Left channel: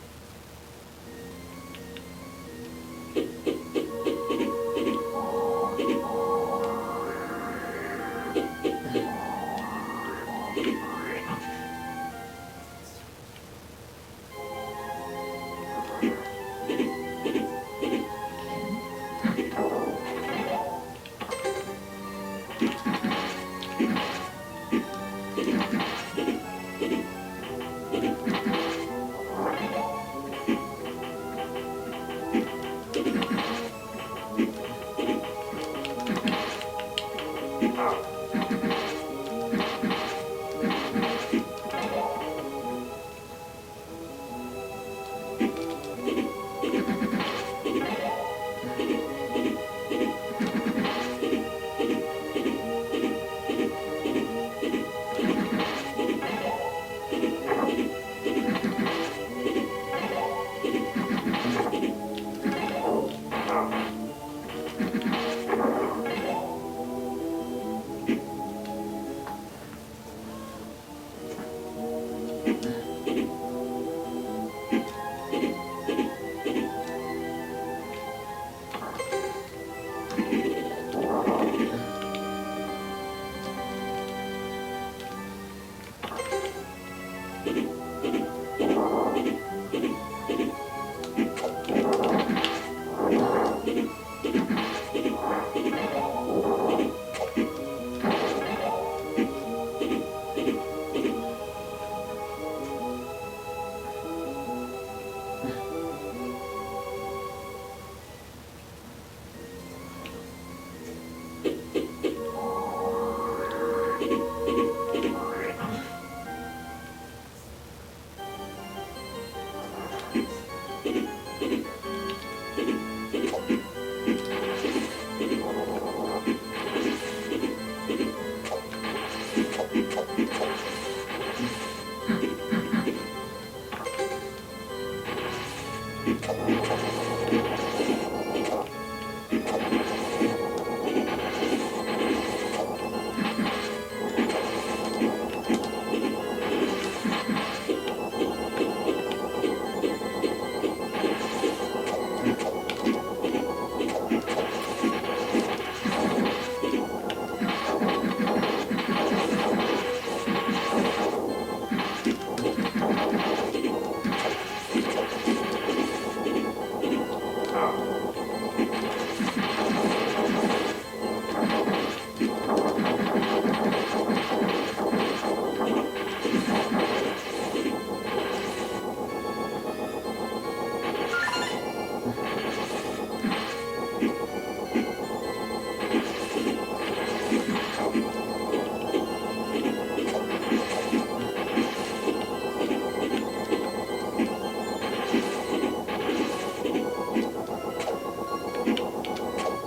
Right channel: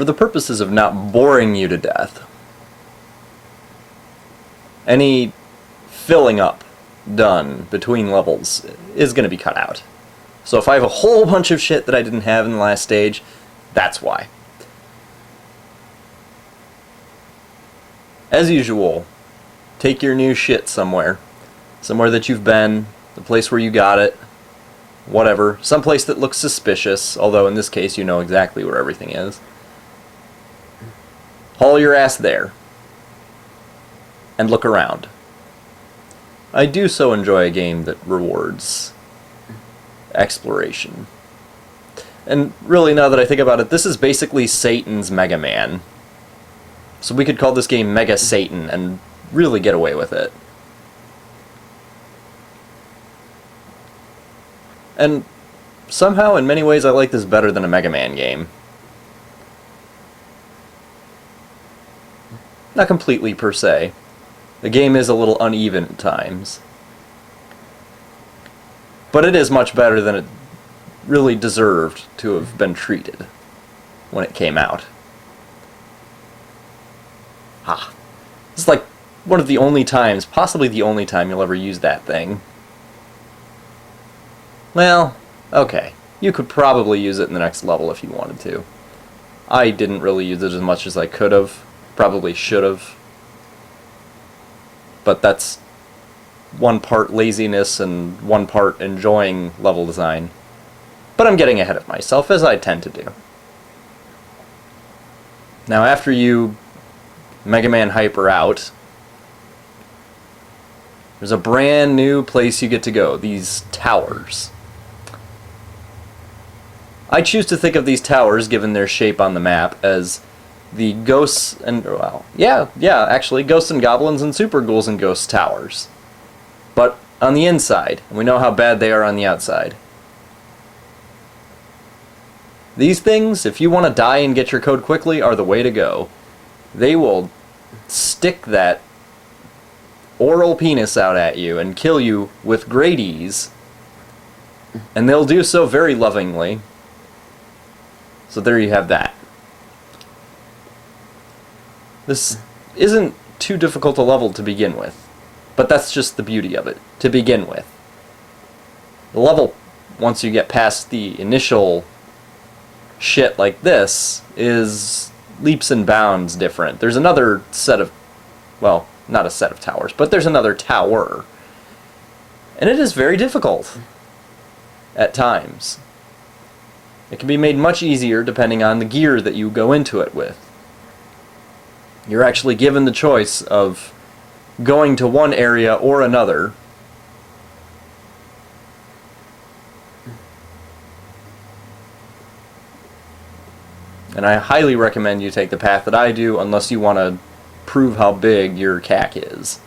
for the purposes of not boring you to death, any filling up done between levels is going to be cut out. So if I have a whole bunch of shit that I didn't have in the last stage, that's why. As usual, take your new shit somewhere. Somewhere that you've been, a place where you got it, whatever. Someplace that looks suspicious, although in this case you know exactly where everything is. Haul your ass there. And look around. I do so enjoy a game that rewards exploration. And really, now that I think about it, this is basically Satan's Mega Man. So we could call this game Mega Satan and really get away with it. And somehow, in many ways, I like this better than a Mega Man game. Not completely, per se. The game is a little uneven at times. But it is much better than it really deserved to have been treated when it came out. It's like one of the only times, possibly the only time you'll ever use that thing. Well, okay. You could probably use it in the next level if you wanted to. I didn't really use it as much as I could have. Probably should have. But that's one part laziness and one part enjoying level design. But I'm getting ahead of myself, as I tend to do. Now, after you Mega Man Hyper out, there's a brand new place you get to go, these towers. I choose to think of these towers, given their shape on the map, as the ghosts and, well, yeah, actually, ghosts and goblins and super ghouls and ghosts towers. But on the inside, we know how bad they are on the outside. These things, if you want to die and get your code quickly, are the way to go. They will stick that oral penis out at you and kill you with great ease. And they'll do so very lovingly. So there you have that. This isn't too difficult a level to begin with, but that's just the beauty of it, to begin with. The level, once you get past the initial shit like this, is leaps and bounds different. There's another set of, well, not a set of towers, but there's another tower. And it is very difficult at times. It can be made much easier depending on the gear that you go into it with. You're actually given the choice of going to one area or another. And I highly recommend you take the path that I do, unless you want to prove how big your cack is.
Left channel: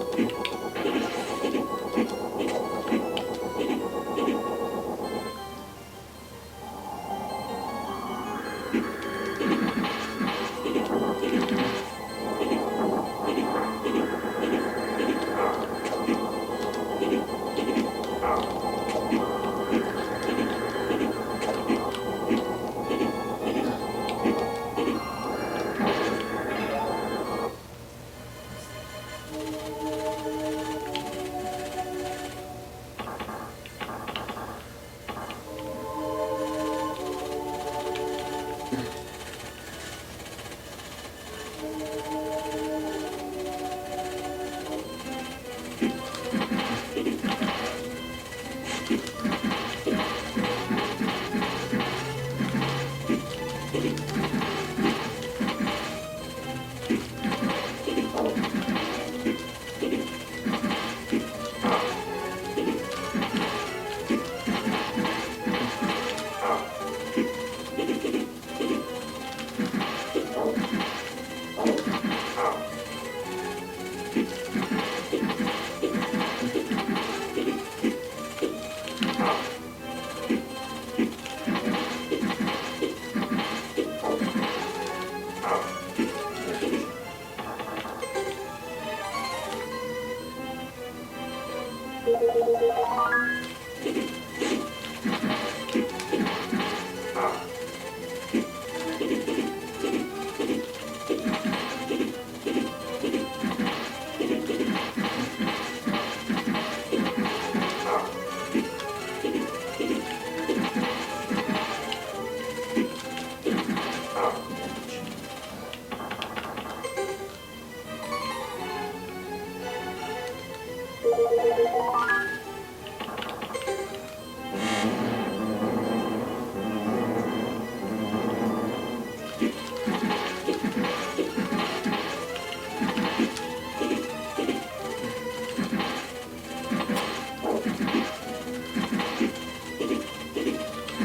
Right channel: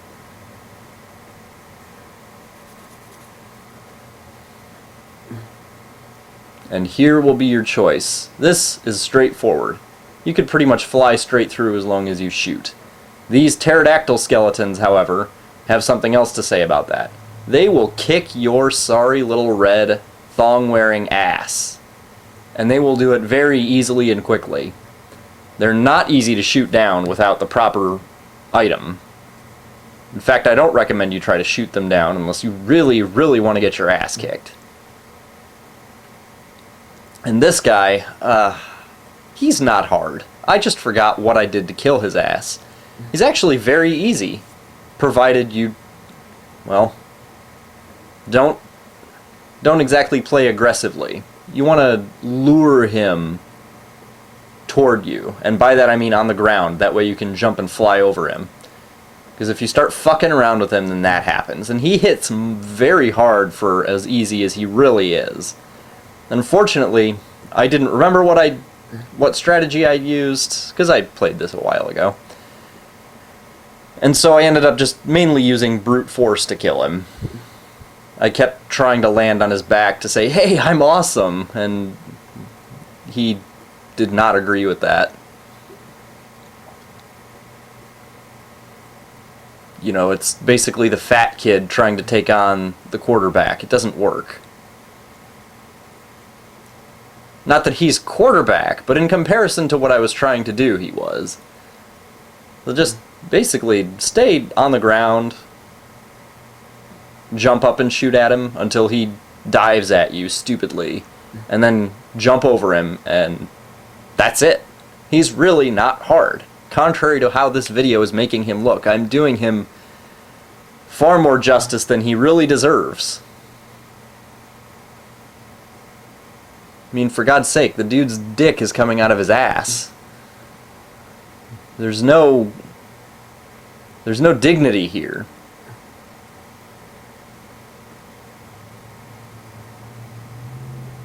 And here will be your choice. This is straightforward. You could pretty much fly straight through as long as you shoot. These pterodactyl skeletons, however, have something else to say about that. They will kick your sorry little red thong-wearing ass. And they will do it very easily and quickly. They're not easy to shoot down without the proper item. In fact, I don't recommend you try to shoot them down unless you really, really want to get your ass kicked. And this guy, he's not hard. I just forgot what I did to kill his ass. He's actually very easy, provided you, well, don't exactly play aggressively. You want to lure him toward you, and by that I mean on the ground, that way you can jump and fly over him. Because if you start fucking around with him, then that happens. And he hits very hard for as easy as he really is. Unfortunately, I didn't remember what strategy I used, because I played this a while ago. And so I ended up just mainly using brute force to kill him. I kept trying to land on his back to say, "Hey, I'm awesome," and he did not agree with that. You know, it's basically the fat kid trying to take on the quarterback. It doesn't work. Not that he's quarterback, but in comparison to what I was trying to do, he was. So just basically stay on the ground, jump up and shoot at him until he dives at you stupidly, and then jump over him, and that's it. He's really not hard. Contrary to how this video is making him look, I'm doing him far more justice than he really deserves. I mean, for God's sake, the dude's dick is coming out of his ass. There's no dignity here.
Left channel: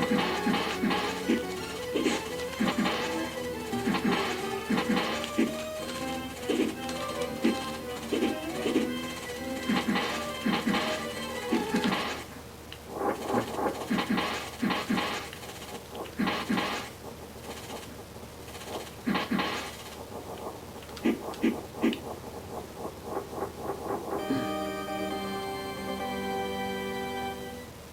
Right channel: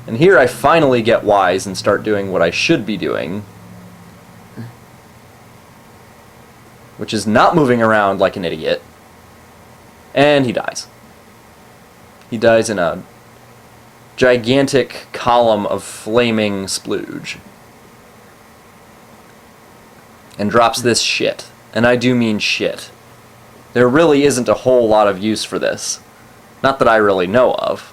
And here I finally get wise and start doing what I should be doing, which is not moving around like an idiot. And he dies. He dies in a gigantic column of flaming splooge. And drops this shit. And I do mean shit. There really isn't a whole lot of use for this. Not that I really know of.